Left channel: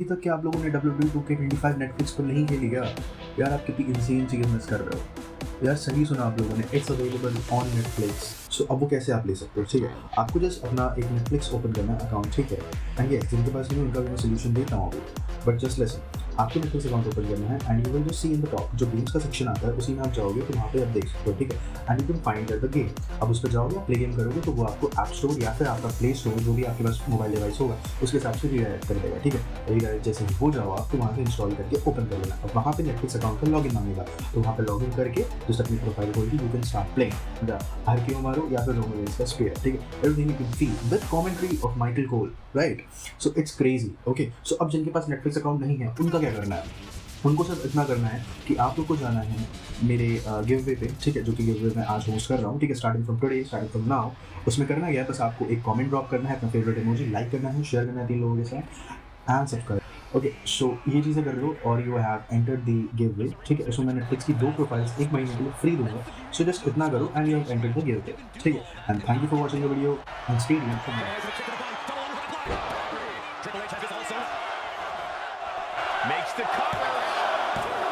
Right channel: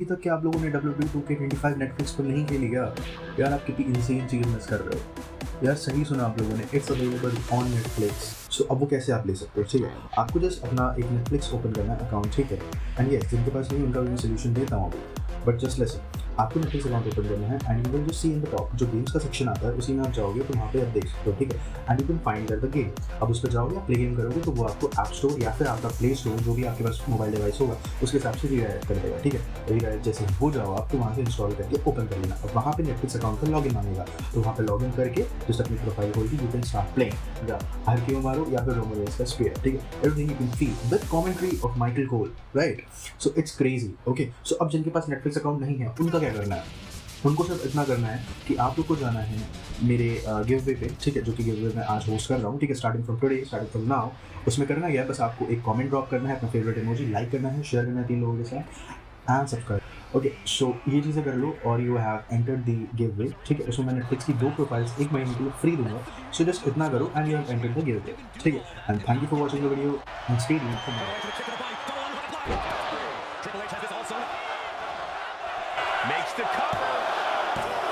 अभी तक क्या आप लोगों ने WWE 2K25 नेटफ्लिक्स पर नहीं खेली क्या? यार आप कितनी इंसेन चीज़ मिस कर रहे हो। यार सही सुना आप लोगों ने, इट्स अवेलेबल ऑन नेटफ्लिक्स। सो अब वो कैसे आप ले सकते हो, ठीक है? आपको जस्ट अपना एक नेटफ्लिक्स ओपन करना है अकाउंट, ठीक है? एंड यस, जिनके पास नहीं उनका मैं सॉल्यूशन दे पाऊँगा। बट जस्ट लिसन, आपको नेटफ्लिक्स अकाउंट ओपन करना है and you will see in the top जो गेम्स का सेक्शन आता है उसी में आप जाओगे तो वहाँ पे आप देख सकते हो, ठीक है? And you can find the game. अब उस पे जाओगे, प्ले गेम करोगे तो वो आपको ऐप स्टोर या फिर आपका प्ले स्टोर जो भी आपके पास मोबाइल डिवाइस होगा उसके हिसाब से रीडायरेक्ट कर देगा, ठीक है? रीडायरेक्ट जैसे ही हो जाओ आप तो वहाँ पे इंस्टॉल करके ओपन कर लेना। अब वहाँ पे नेटफ्लिक्स अकाउंट में लॉगिन मांगेगा, तो वहाँ पे लॉगिन करके जस्ट अपनी प्रोफाइल खोल के यू कैन स्टार्ट प्लेइंग। या घर के मारो या फिर रोमन रेंज का स्पीड, ठीक है? Everything you can feel with commentary of Michael Cole, right? So it's crazy, okay? So अब जिनके पास नेटफ्लिक्स अकाउंट नहीं है उनका क्या करना है? उनको सिर्फ इतना करना है कि आप लोग को जाना है मेरे गिव वे पे, ठीक है? जो कि गिव वे मैं आज होस्ट कर रहा हूँ, ठीक है? Starting from today, starting from now. उसमें करना क्या है, बस आपको एक कमेंट ड्रॉप करना है, अपना फेवरेट इमोजी लाइक करना है, शेयर करना है 3 लोगों के साथ एंड सब्सक्राइब। ओके, सो ये चीज़ें कर लो और you have entered the give way, ठीक है? उसमें मैं नेटफ्लिक्स की 2 प्रोफाइल्स 1 महीने के लिए फ्री दूंगा। सो जस्ट इतना करो and you have entered the give way, ठीक है? And thank you for watching the video and stay tuned for more. Makes the cover.